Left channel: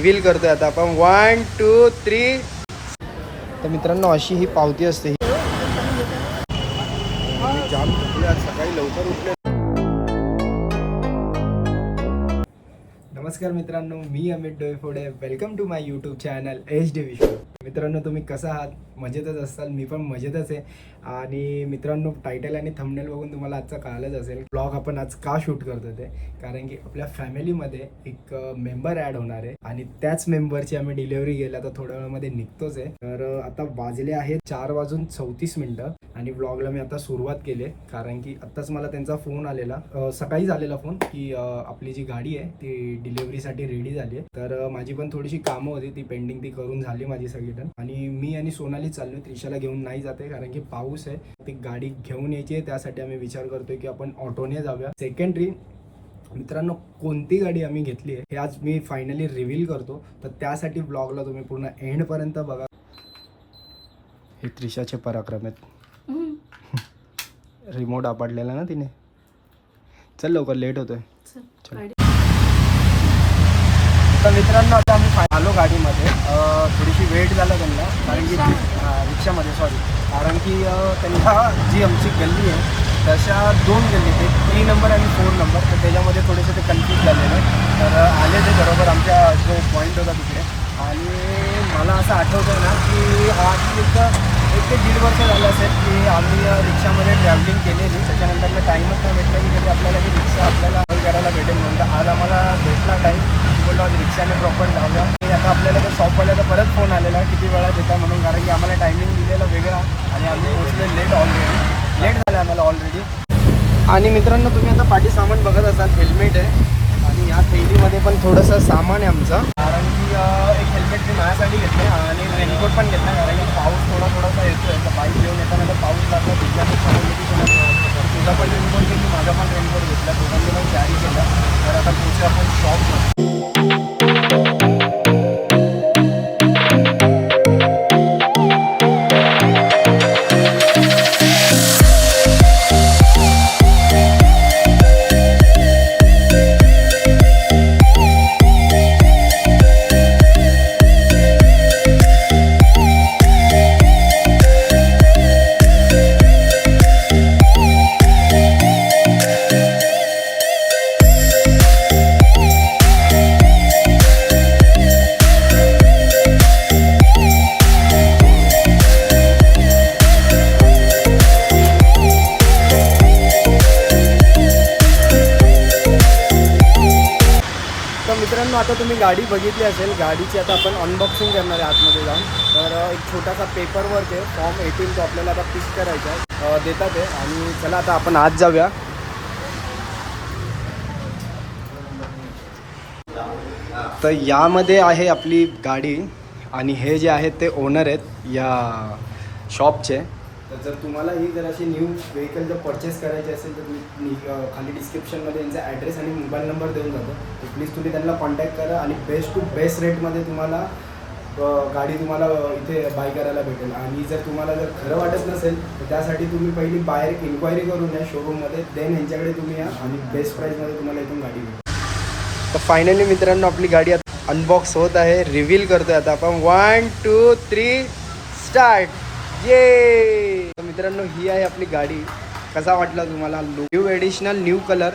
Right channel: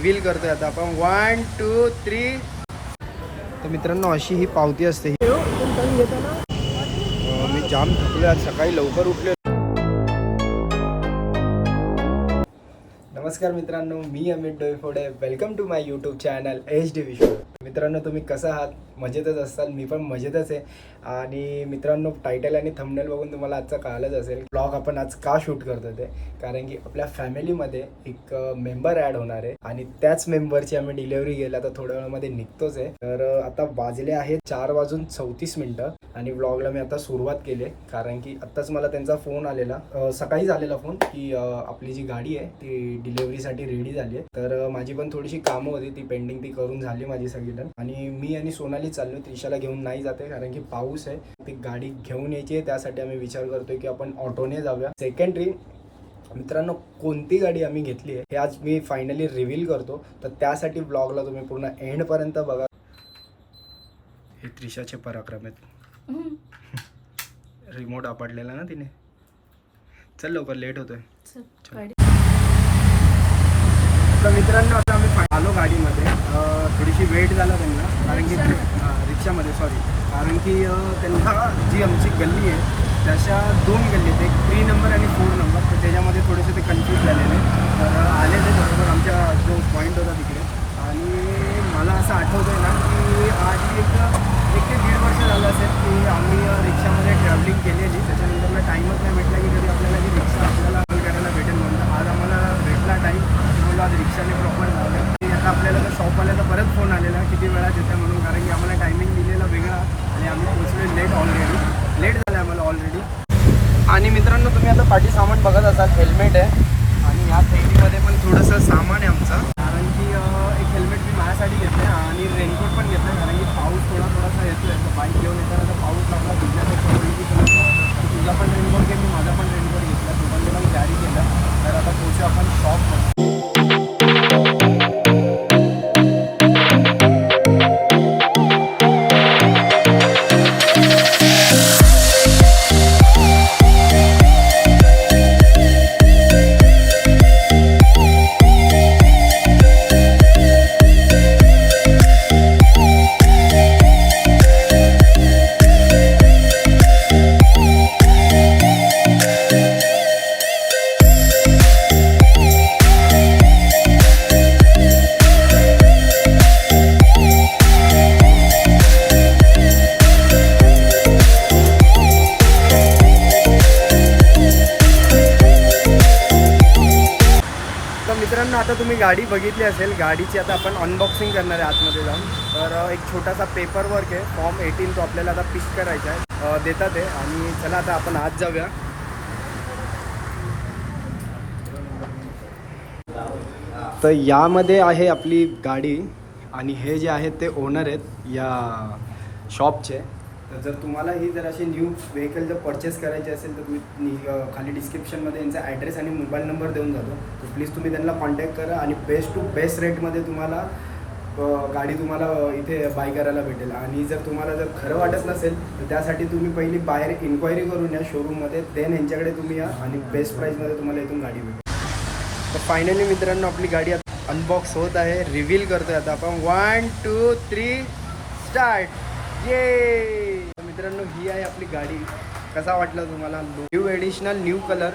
Reveal करतोय आता आपण 1 2 3. तर मित्रांनो अशी ही पावती असते. मी जाम थकलो आज, सकाळी लवकर उठले. नमस्कार मित्रांनो, मी Amit Doiphode. Welcome to my YouTube channel HD Vishwa. मित्रांनो तुम्ही कसं आहात? मजेतच असाल, मी पण मजेतच आहे. आणि मित्रांनो टायटल आणि थंबनेल बघून तुम्हाला आजचा कळालंच असेल ब्लॉग आपण आज का शूट करतो ते. कारण की आपल्या फॅमिलीमध्ये एक मेंबर ॲड होणार आहे आणि त्याच मेंबरची आम्ही डिलिव्हरी गेला तर थोड्या वेळामध्ये निघतोच आहे. तर आता वाजले आहेत 4:34 आणि व्लॉगला मी आता सुरुवात केली कारण की आत्ताच मला त्यांचा फोन आलेला, सकाळीच आलेला फोन की आपली जी गाडी आहे ती डिलिव्हरीसाठी रेडी झाली आहे. तर माझी पण थोडीशी कामं होती, ती पेंडिंग ती करून झाली माझी सगळी डन. आणि मी आणि सोनाली चाललो, त्रिशाला घेऊन नाही जाते कारण की पाऊस आहे. ती गाडी घेऊन यायची आहे, त्यासाठी आम्ही विचार करतोय की आपण ऑटोने जाऊया. सेकंडरी मित्रांनो कोणती गाडी आम्ही घेतली आहे हे आज मी फायनली रिव्हील करतो, तर त्यासाठी ब्लॉगला तुम्ही पूर्ण एंडपर्यंत बघा. हे त्रिशाचे पराक्रम आहेत. रिमोट आपडलेला ना तिने. चल लवकर, लेट होतोय. तर मित्रांनो आता आम्ही आलो गाडीमध्ये. थोडीशी वेट झाला त्यांना कारण की रिक्षामध्ये कारण की त्यांना जी आमची गल्ली आहे तशा 2 गल्ली आहेत, 3 नंबर आणि 4 नंबर. तर त्याच्यामध्ये थोडेसे ते कन्फ्यूज झालेलं. तर आले ते बरोबर आमच्या जो पॉईंट होता तिकडे. आणि मला असं आठवतं ना की आधी तिथं 1 ते 1.5 वर्ष झालं असेल की आम्ही रिक्षामध्ये ट्रॅव्हलिंग केलेली. त्याच्यानंतर टाईमच नाही भेटला की कधी आपल्याला की रिक्षा आपल्याला करायला भेटेल म्हणून आज आम्हाला भेटला टाईम. बोललो आज रिक्षाने प्रॉपर जाऊया. आता आपल्याला तर शॉपवाल्याचा परत फोन आलेला किती वेळात येता म्हणून, कारण की आम्हाला टायमिंग दिलेला वेगळा आणि आम्ही पोहोचलो लेट झालं आम्हाला ऑलरेडी. आणि मित्रांनो तुम्ही आता पाठी सामान बघत असाल, हेल्मेट आहे आणि ह्या थैलीमध्ये पण थोडंसं सामान आहे आमचं. कारण की एक हेल्मेट मी माझ्यासाठी घेतलं आणि रेनकोट पण घेतला कारण की पाऊस थोडासा येतोय. तर बाईक घेऊन येताना तर पाऊस लागला, तुझ्यातच समजलं की तुझा पण रेनकोट घेतली, माझा पण रेनकोट घेतला, दोघांनी पण कॅरी केलं. तर आता पोहोचू आपण शॉपमध्ये. मित्रांनो आता तुम्ही गाडी बघितली असेल, गाडीची आता आपण अनबॉक्सिंग करणार आहे आतमध्ये जाऊन. तर एक छोटासा पेपर वर्क आहे, फॉर्म 18 तो आपल्याला आता पिक करायचा आहे, देतात आहे. आणि चला आता आपण आत जाऊया. तर यामध्ये आहे आपली गाडी आणि हे जे आहेत ते ओनर आहेत या शॉपचे. तर जर तुम्हाला ही जर अशी न्यू व्हेकल जर परचेस करायची असेल तर तुम्ही खाली डिस्क्रिप्शनमध्ये यांचा ॲड्रेस आणि मोबाईल नंबर देऊन जातो. तर प्लीज तुम्ही त्यांना कॉन्टॅक्ट करा आणि बेस्ट टू बेस्ट रेटमध्ये तुम्हाला गाडी तुम्हाला इथे बाय करायला भेटेल. आणि जर तुम्हाला जर खरं वाटत नसेल तर त्यासाठी तुम्ही पहिली बाहेर इन्क्वायरी करून या शोरूममध्ये, देन यांच्याकडे तुम्ही या आणि बेस्ट प्राईसमध्ये तुम्हाला इथून गाडी भेटेल. तर फायनली मित्रांनो आपली गाडी आता अनबॉक्स होत आहे, रिव्हील करतोय आता आपण. 1 2 3 स्टार्ट. ये तर मित्रांनो ही आहे आपली गाडी. कसा वाटला तुम्हाला? New additional new colour.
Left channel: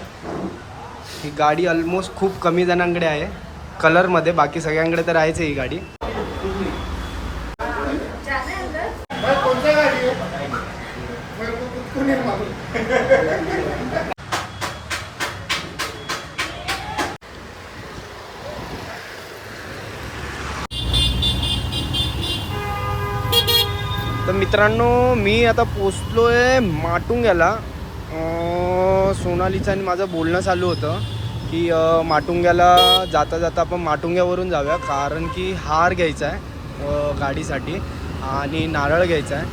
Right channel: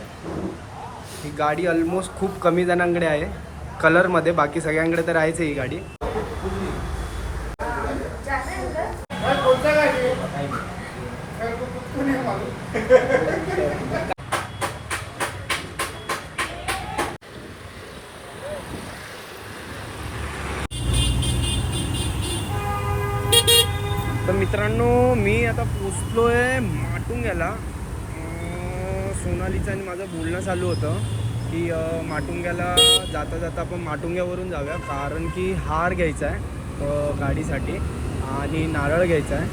ही गाडी ऑलमोस्ट खूप कमी जणांकडे आहे कलरमध्ये, बाकी सगळ्यांकडे तर आहेच ही गाडी. तर मित्रांनो मी आता पोचलो आहे माटुंग्याला. सोनालीचं आणि माझं बोलणं चालू होतं की माटुंग्याला जाता जाता आपण माटुंग्यावरून जाऊया कारण की हार घ्यायचा आहे गाडीसाठी आणि नारळ घ्यायचा आहे.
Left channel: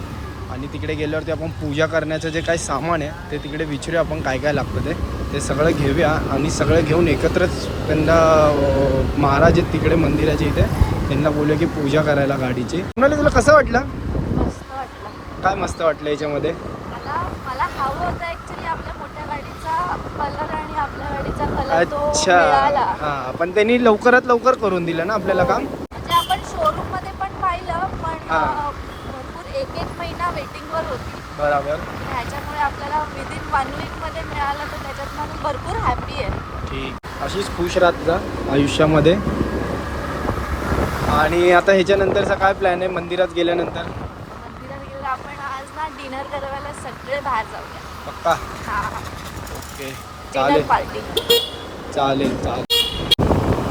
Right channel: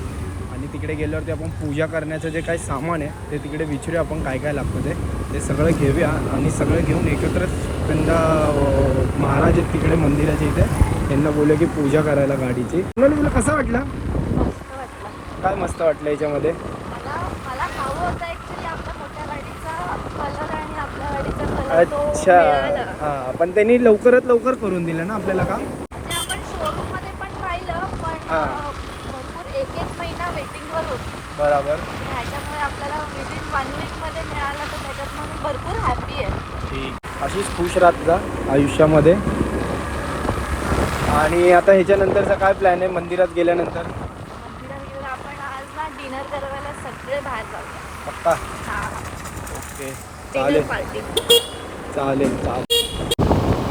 आणि तिकडे गेल्यावरती आपण पूजा करण्याचं जे काही सामान आहे ते तिकडे विचारूया आपण काय काय लागतं ते सगळं घेऊया आणि सगळं घेऊन एकत्रच त्यांना महाराज तिकडे मंदिराच्या इथे त्यांना बोलूया की पूजा करायला गाडीची. सोनाली तुला कसं वाटलं? काय मस्त वाटलं याच्यामध्ये? मला खाऊ होतं ॲक्च्युली आपल्या मोठ्या गाडीचा कलर आणि आपल्या गाडीचा कलर तर तो अच्छा मिळाला. हां, पण त्यांनी लवकरात लवकर करून दिलं ना आपल्याला काम. म्हणजे आपण शोरूम मध्ये पण पाहिलं पण हां. भरपूर एक एक महिना वेटिंगवर होती. बरोबर. ह्याच्यामुळे आपल्याला विदिन 1 वीकमध्ये मिळालं तर त्याच्यातनं मी भरपूर हॅपी आहे. ठीक, अशीच खुश राहत जा आयुष्यामध्ये. आणि आता ह्याच्यानंतरचा काय प्लॅन आहे मंदिरात गेल्यानंतर? मंदिरात गेलं आपण आज ना डिनर करायला सगळे बाहेर जाऊया. पक्का. हां ओके डिनर चालेल पार्टी. चालेल चालेल.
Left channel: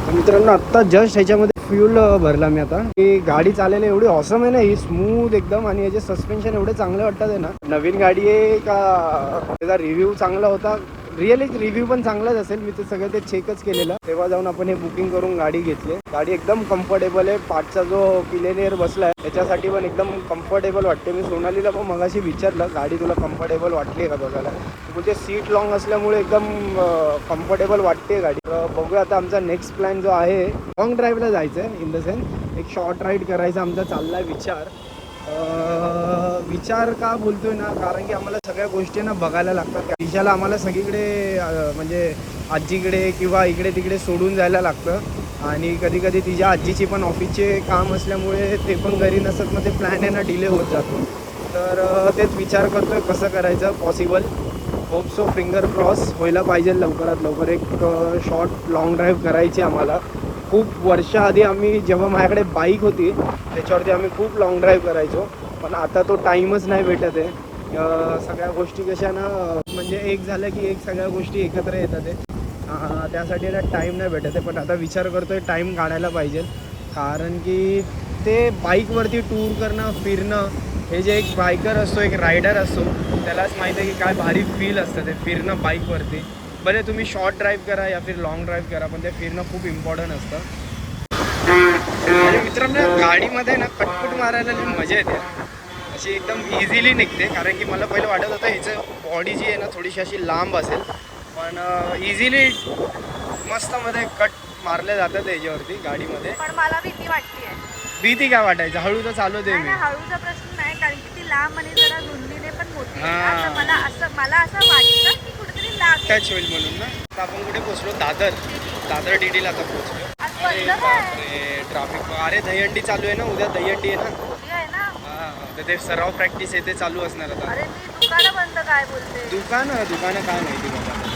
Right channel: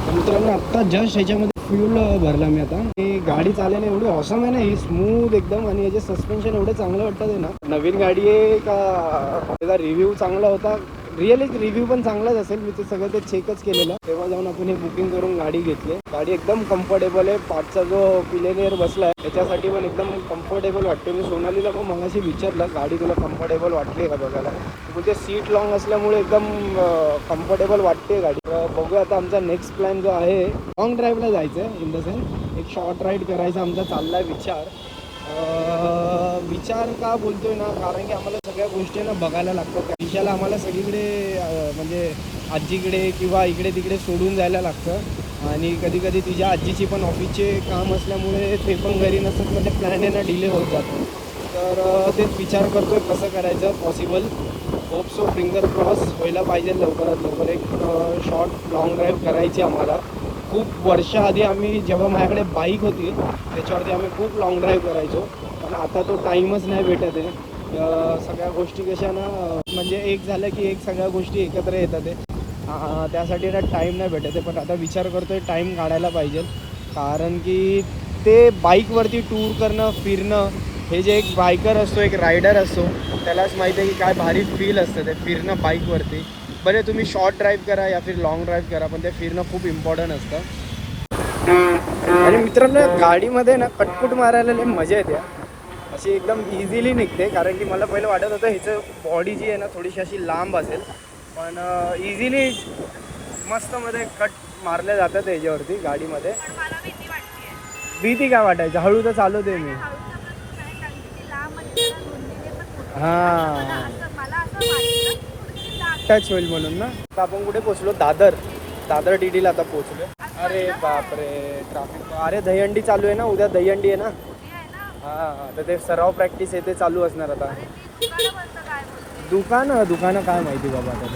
तर मित्रांनो आत्ता जस्ट ह्याच्यामध्ये फ्यूल भरला मी आता. ही गाडी चालायला एवढी ऑसम आहे ना, ही स्मूथ एकदम, आणि याचे सस्पेन्शन एवढे चांगले वाटतात आहे ना. नवीन गाडी आहे का त्याचा रिव्ह्यू चांगला होता, रिअली रिव्ह्यू पण चांगलाच असेल. मी ते सगळं ते चेकच केलेलं तेव्हा जाऊन आपण हे बुकिंग करून गाडी घेतली. गाडी एकदम कम्फर्टेबल आहे. पाठचा जो पिलेनियर बसलाय त्याच्यासाठी पण एकदम कम्फर्टेबल वाटते. मी सोनालीला पण मगाशी विचारलं गाडी तुला कम्फर्टेबल वाटली का बघायला, बोलते सीट लॉंग असल्यामुळे एकदम कम्फर्टेबल वाटते गाडी. बघूया आता आमचा नेक्स्ट प्लॅन जो आहे लॉंग ड्राईव्हला जायचं आहे. इन द सेन्स एक शॉर्ट राईड करायचा आमचा चाललाय विचार. विचार का बोलतोय ना, कारण की आम्हाला सगळ्या गोष्टी ना बघायला लागतात. दिशाला आम्हाला सगळीकडे म्हणजे आजीकडे किंवा इकडे तिकडे सोडून जायला लागतं. आणि कधी कधी तिच्या आजीची पण ऑफिसचे काम असल्यामुळे ते पण घरी नसत, मग ते प्लॅन आहे ना डिले होत जातो. तर तेच विचार करतोय कसं करायचं possible. Hope so finger cross व्हायला पाहिजे लवकरात लवकर. एक शॉर्ट लॉंग ड्राईव्ह करायची आम्हाला. खूप वर्षाआधी आम्ही जेव्हा माझ्याकडे बाईक होती त्याच्यावरती आम्ही खूप लाँग ड्राईव्ह करायचो, पण आता तो टाईमच नाही भेटत आहे. सगळ्या गोष्टी कशा ना, म्हणजे एक झालं की एक सगळ्या गोष्टी एकत्र येतात आहे. त्यासाठी ना टाईम नाही भेटत आहे. पण आता विचार करतो आहे टाईम काढायला पाहिजे, कारण की ते बाईकवरती टूर करणं फिरणं, हे जे एक बायकर असतो एक रायडर असतो त्यालाच माहिती आहे की काय भारी फील असतं ते फिरणं बाईकवरती. बरे तुम्ही शॉर्ट ड्राईव्ह करा या फिर लॉंग ड्राईव्ह करा, पण ते फिरणं खूप इम्पॉर्टंट असतं. आणि मित्रांनो गाडीमध्ये ना कटकुट मारायला लई मजा येते, अशी एकदम इझिली निघते. कारण की मला पहिलं वाटत होतं ह्याचं बॉडी जी आहे ना थोडीशी अशी लांब असेल, पण इझिली मस्तमध्ये कट मारले जातात ह्याच्यावरती गाडीमध्ये. पण मला भीती वाटते. भीती काय वाटायचं, हळू तर चालवते मी. हळूचा प्रश्न नाही, कारण की ती लांब आणि जरा रुंदीने पण मोठी आहे. हां. मला असं वाटतं की कुठेतरी लागेल. टच होईल म्हणून ना. आता आपण कुठे पोचलो, दादर DDला आता पोचलो. आज अरे बंद आहे. बापरे ट्रॅफिक. अरे दहीहंडी चालू आहे ना, उद्या दहीहंडी आहे ना. उद्या आहे ना. हां, तर ते सराव प्रॅक्टिस आहे ते चालू असणार आता. अरे मी दुकानं बंद काय बोलते. दुकानं काय माहिती बाबा आता.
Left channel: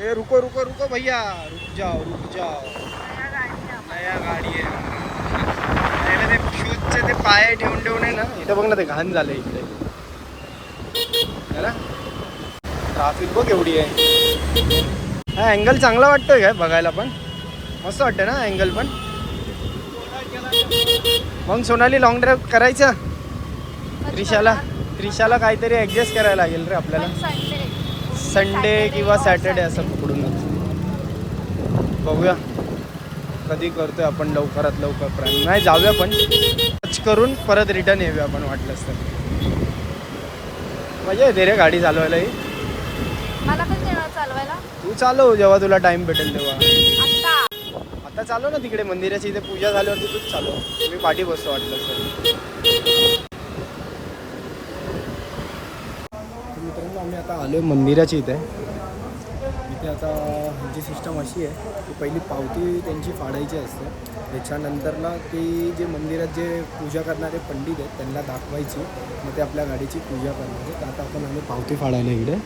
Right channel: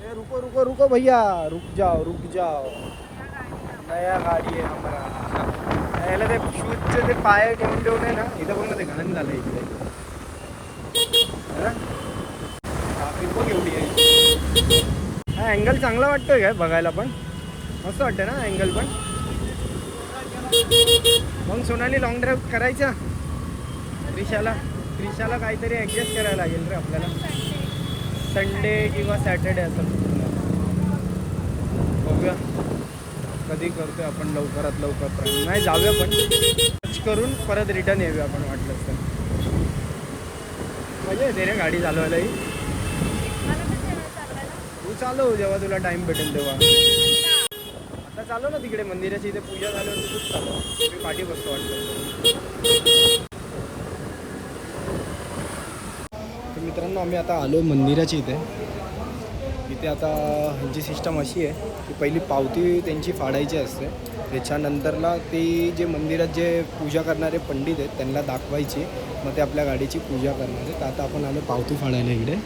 ए रुको रुको रुको भैया, रुक जाओ. नया गाडी आहे हमारा. पहिले ते शूजचे ते पाय ठेवून आहे ना, इथं बघ ना ते घाण झालं इकडे. ट्राफिक बघ एवढी आहे. हा अँगल चांगला वाटतोय काय बघायला, पण मस्त वाटतं ना अँगल पण. मग सोनाली लॉंग ड्राईव्ह करायचा. त्रिशाला काहीतरी ॲडजस्ट करायला लागेल रे आपल्याला. संडे किंवा सॅटर्डे असं पकडूनच बघूया कधी करतोय आपण. लवकरात लवकर प्लॅन नाही, जाऊया पण टच करून परत रिटर्न येऊया आपण वाटलंच तर. मजा येते रे गाडी चालवायलाही. मला पण देणार चालवायला. तू चालव जेव्हा तुला टाइम भेटेल तेव्हा. आता आता चालव ना तिकडे मंदिराची इथे पूजा झाल्यावरती तूच चालव, मी पाठी बसतो वाटलं तर. मित्रांनो आम्ही आता आलो आहे मंदिराची इथे. आता ह्यांची सिस्टम अशी आहे की पहिली पावती त्यांची फाडायची असते, त्याच्यानंतर ना ती जे मंदिरात जे पूजा करणारे पंडित आहेत त्यांना दाखवायची, मग ते आपल्या गाडीची पूजा करणार. तर आता आपण आलो पावती फाडायला इकडे.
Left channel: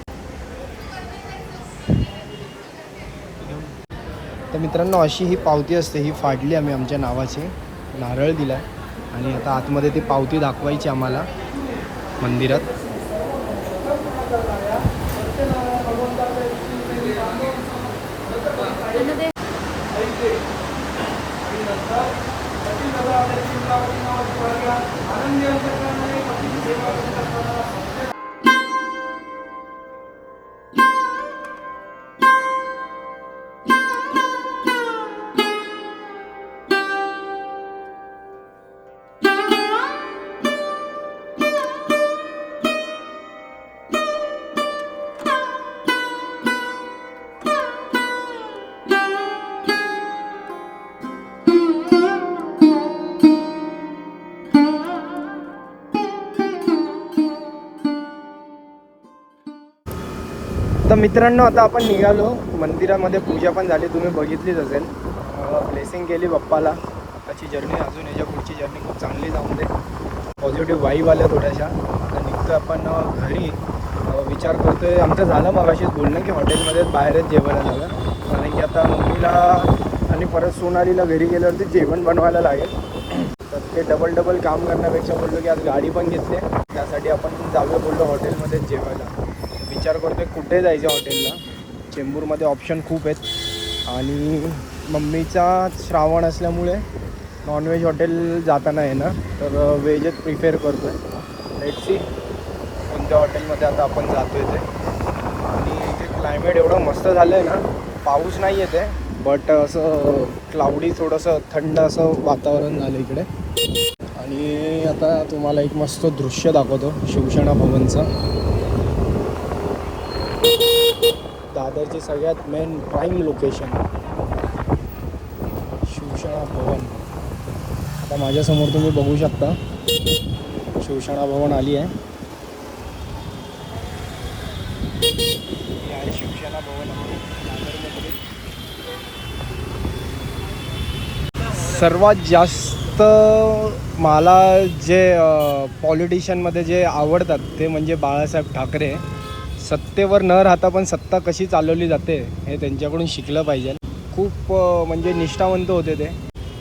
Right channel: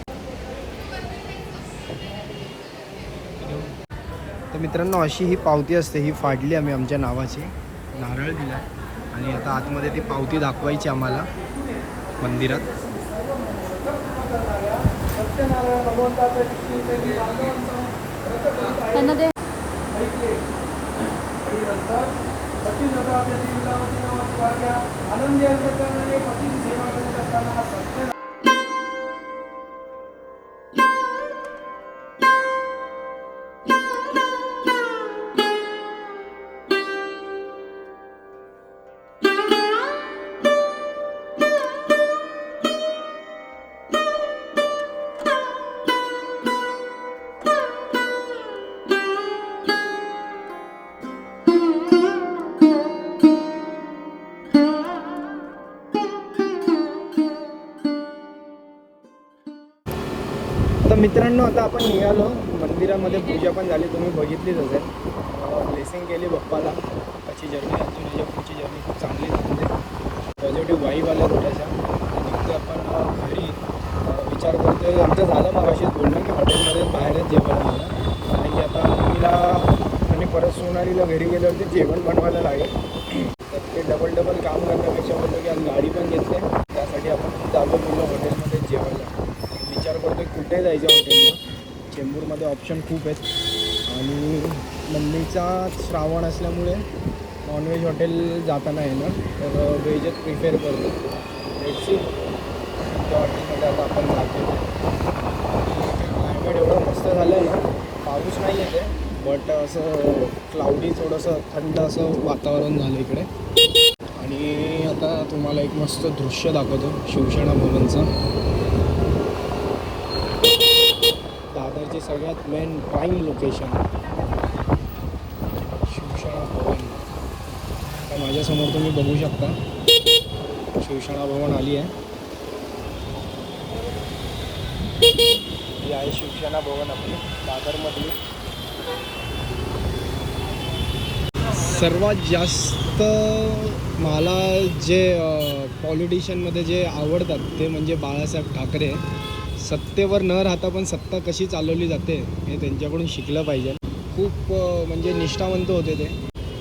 तर मित्रांनो अशी ही पावती असते, ही फाडली आम्ही आमच्या नावाची, नारळ दिला आहे आणि आता आतमध्ये ती पावती दाखवायची आम्हाला मंदिरात. तर मित्रांनो आता आपण निघालो मंदिरामध्ये, पूजा पण झाली, तुम्ही बघितलीच असेल. ब्लेसिंग केली बाप्पाला. आताची जर्नी अजून याच्या पुढची जर्नी खूप चांगली जाऊन दे. पॉझिटिव्ह वाईब आल्या थोड्याशा. आता निघतो आपण घरी. विचार करतोय, आमचं झालं मगाशीच बोलणं की हॉटेलमध्येच बाहेरच जेवायला झालं, कारण की आता मम्मीला आणि परत सोनालीला घरी गेल्यावरती जेवण बनवायला लागेल. तर ते डबल काम करण्यापेक्षा बोललो की आज गाडी पण घेतली, त्यासाठी आपण जाऊया बोललो हॉटेलमध्ये जेवायला. विचार करतोय कुठे जायचं हॉटेलला. चेंबूरमध्ये ऑप्शन खूप आहेत आणि मम्मीचा श्रावण असल्यामुळे नॉनव्हेज हॉटेल जाताना येणार, तर व्हेजच प्रिफेअर करतो. लेट्स सी कोणत्या हॉटेलमध्ये आता आपण जातो इथे. आणि इथे क्लायमेट एवढं मस्त झालं आहे ना, पाऊस नाही येते बट असं क्लाउडी थोडंसं थंड असं वातावरण झालं इकडे. आणि आता तुम्हाला एक मस्त दृश्य दाखवतो शिवसेना भवनचं. दादरची सगळ्यात मेन प्राईम लोकेशन शिवसेना भवन. आता माझ्यासमोर तुम्ही बघू शकता शिवसेना भवन आली आहे. ही आहे शिवसेना भवन आपली दादरमधली. सर्वात जास्त मला जे पॉलिटिशियनमध्ये जे आवडतात ते म्हणजे बाळासाहेब ठाकरे. सत्तेवर न राहता पण सत्ता कशी चालवली जाते हे त्यांच्याकडून शिकलं पाहिजे. खूप म्हणजे निष्ठावंत होते ते.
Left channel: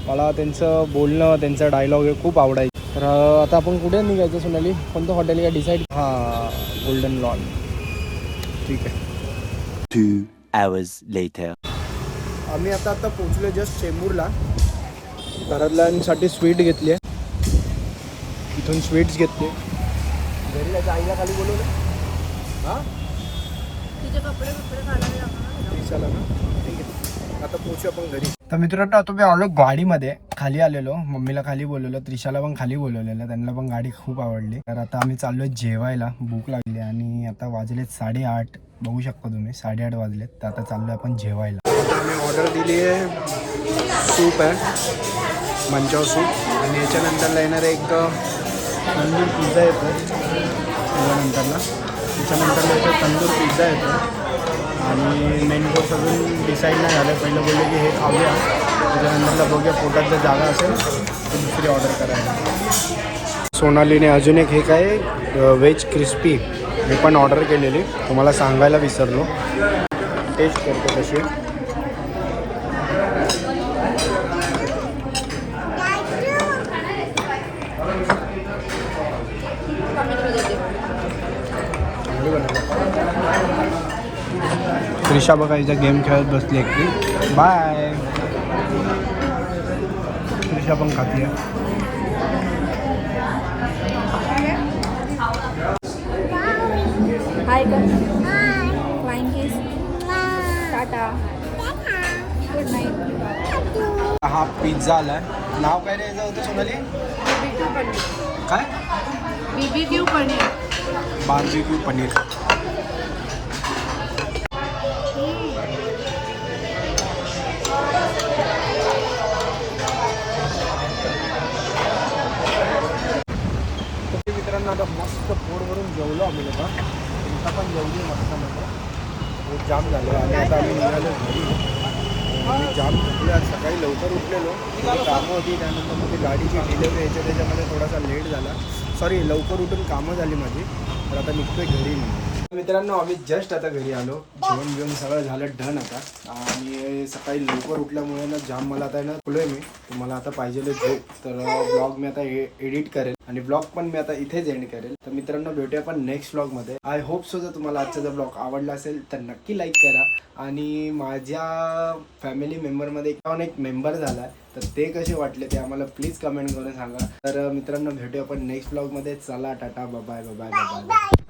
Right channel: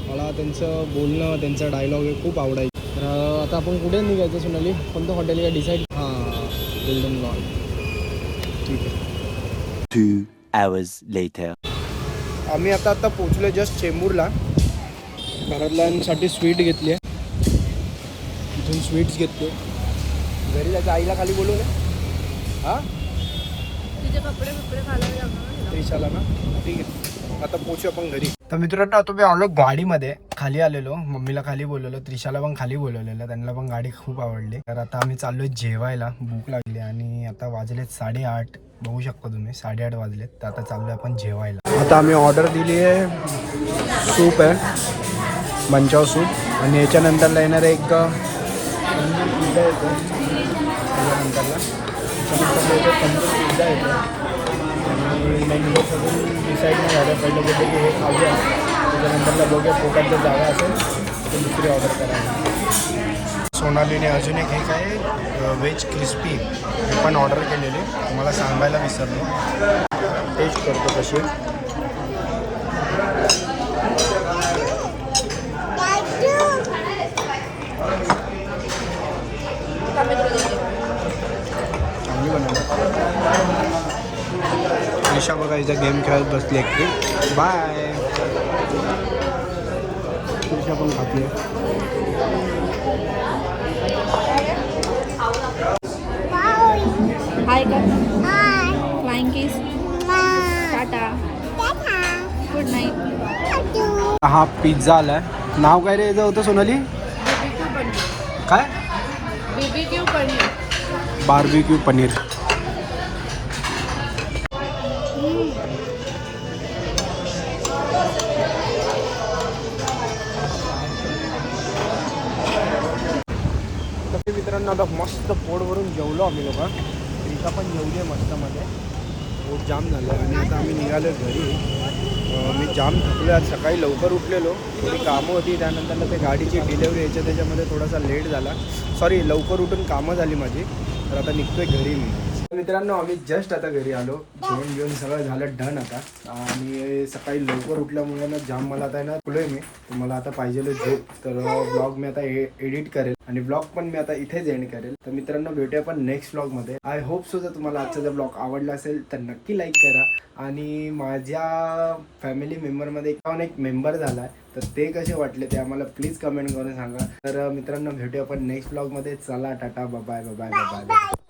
मला त्यांचं बोलणं, त्यांचं डायलॉग हे खूप आवडायचं. तर आता आपण कुठे निघायचं सोनाली, कोणतं हॉटेल का डिसाईड? हां, गोल्डन लॉन. ठीक आहे. 2 hours later. आम्ही आता पोचलो जस्ट चेंबूरला. घरातल्यांसाठी स्वीट घेतली आहे, इथून स्वीट्स घेतले. घरी जायचं, आईला खाली बोलवलं. हां, तुझे कपडे घालावे लागणार ते चला ना. ठीक आहे, आता पोचू आपण घरी. तर मित्रांनो आता मी आलो गाडीमध्ये, खाली आलेलो. मम्मीला खाली बोलवलं, त्रिशाला पण खाली बोलवलेलं, त्यांना पण गाडी खूप आवडली. तर आता आम्ही चाललो जेवायला, भूक लागली. आणि आता वाजलेत 8:30. बघू शकता तुम्ही 8:30 वाजलेत. तर आता चाललो आपण जेवायला. आता आम्ही ऑर्डर दिली आहे, सूप आहे मंचाव सूप. आणि याच्यानंतरला येणार एक तंदूर पिझ्झा येतो. त्याच्यानंतरला येतो तंदूर पिझ्झा येतो. आणि मेन कोर्स अजून डिसाईड नाही झालं. पहिलं बोलले की हे खाऊया, त्याच्यानंतरला बघूया पोटात जर जागा असेल तर दुसरी ऑर्डर करायला. सोनालीने अजून एक हे काय व्हेज क्रिस्पी हे पण ऑर्डर केलेली, तुम्हाला सांगायला विसरलो. टेस्ट करतो कशी. चांगली बनवलं. त्रिशा बघा इथं गेम खेळत बसली एकटी. बाय. त्रिशा पण खाते. हाय कर. Flying kiss. Tata. Good night. हा पिझ्झा आलाय. नाव काय रे याचं होतं सोनाली? काय? BBQ पनीर. बार्बिक्यू पनीर. तर मित्रांनो आता मस्त पोट भरून जेवलो आम्ही लोक. तुमचा पण जेवले मस्त मध्ये. पोट जाम झालं आणि आता आम्ही निघालो घरी. मी जाम थकलो आज. सकाळी लवकर उठलेलो, थोडी कामं होती, त्यानंतर ते गाडीची डिलेवरी यायच्या त्याच्यामध्ये थोडासा लेट झाला. सॉरी, लवकर उठून कामं झाली माझी. तर आता निघतोय घरी मी. मित्रांनो आम्ही जस्ट आता घरी आलो. जेवण बिवण सगळं झालं डन आता. आणि सकाळी लवकर उठल्यामुळे ना जाम मला आता ना फुलोय मी. तुम्हाला आता पाहिजेलं झोप. तर ब्लॉग मी आता एडिट करेल आणि ब्लॉग पण मी आता इथेच एंड करेल. तर मित्रांनो भेटूया आपण नेक्स्ट ब्लॉगमध्ये. आय होप सो जर तुम्हाला आजचा जर ब्लॉग आवडला असेल तर नक्की लाईक करा. आणि माझ्या फॅमिली मेंबरमध्ये एक मेंबर झाला आहे, तर ते कसे वाटले ते आम्हाला प्लीज कमेंट करून सांगा. तर मित्रांनो भेटूया आपण नेक्स्ट ब्लॉगमध्ये. चला tata, bye bye bye bye bye.